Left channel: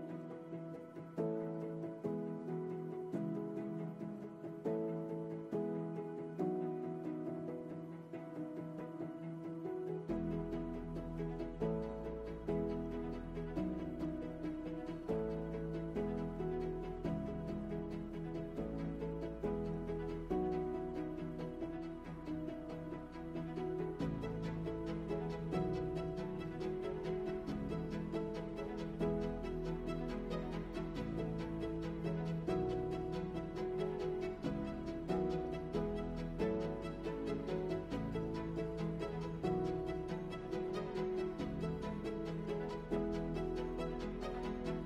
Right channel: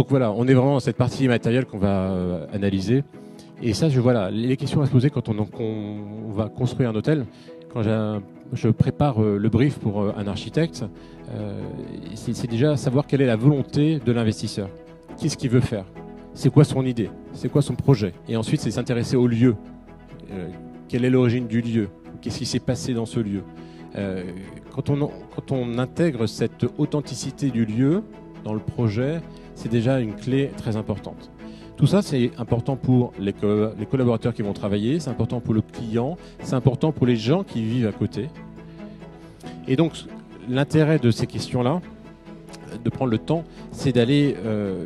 Donc voilà, on est vraiment dans cette partie immatérielle qu'on va analyser. Et ça, voilà, les questions à se poser quand on va construire un hôtel. Quand je prépare le brief pour un architecte, c'est déjà savoir quelle est la volonté de l'investisseur. Qu'est-ce qu'il veut faire? C'est quoi son idée? C'est quoi son projet? Et ensuite, c'est s'intéresser au lieu. Quelle est l'origine du lieu? Qu'est-ce qui s'est passé dans ce lieu? Quand on intègre cette authenticité du lieu dans le projet, c'est déjà une clé très importante. Tout ça, c'est important pour les collaborateurs qui vont travailler, c'est important pour le client, c'est important pour les gens qui vivent à côté. Et donc, l'intérêt de ces questions-là, de prendre le temps, c'est d'aller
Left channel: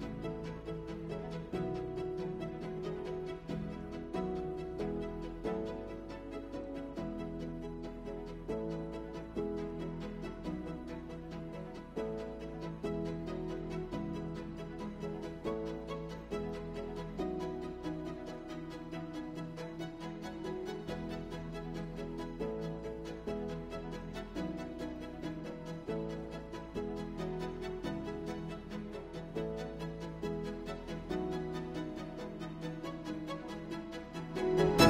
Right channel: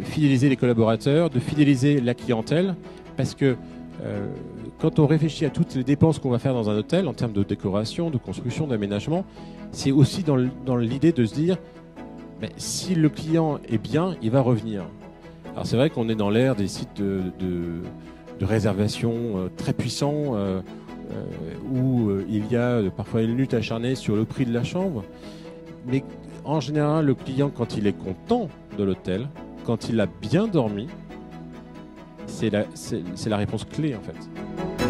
fidéliser les collaborateurs, de fidéliser la clientèle, parce que quand on réfléchit à toutes les dépenses qu'on va faire dans un hôtel, en termes de décoration, de construction, d'aménagement, c'est aussi dans l'idée de se dire, si le client est bien, il va revenir. Alors c'est vrai qu'on est dans l'ère des sites de réservation très puissants, où il y a parfois une lutte acharnée sur le prix de la chambre, mais en général, le client, quand il est content de l'hôtel, quand il a bien dormi, c'est la réponse clé en fait.